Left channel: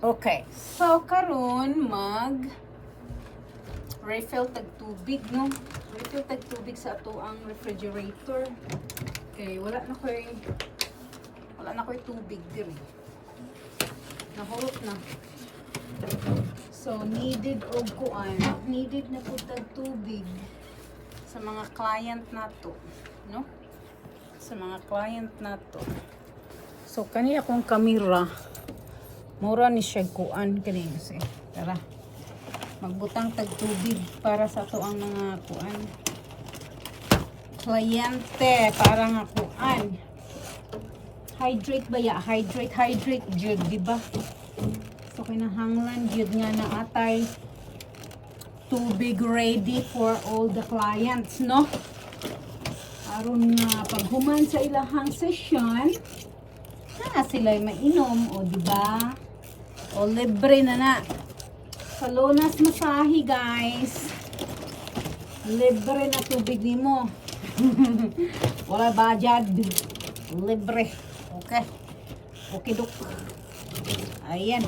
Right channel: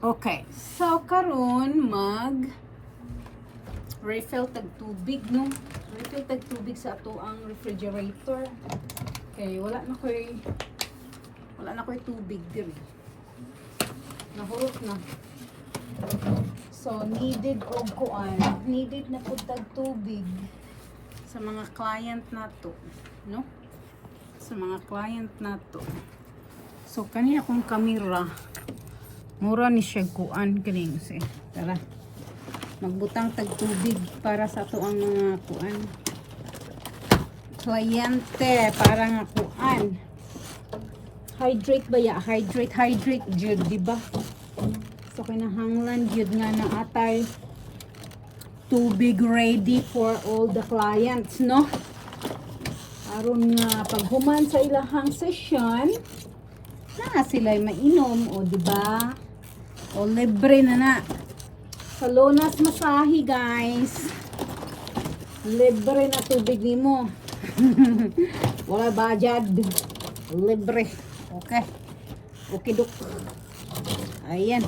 Okay. So karon refill tag tubig, no? Refill tag tubig sa ato ang refrigerator. Okay, wala na koy tubig diri. Nahulog na. So needed na pud tag tubig sa mga client nato, no? Sa mga client nato. So kaniya kong kamera mura ni siya kuan kini kasi. Tara. Magbutang tag tubig para sa ato ang mga kuan. Kliyente para nga kuan. Hydrate ba ya? Hydrate jud, di ba? So kinahanglan jud nga na atay tubig ready for all the clients, no? Aron nga paghuman sa ilahang session, na sila'y mainom, o di ba? O libre na. Sa Lonas Masahi, guys. Libre na tubig nimo. Wala budget. Libre. Okay. Okay, dok. Ayan.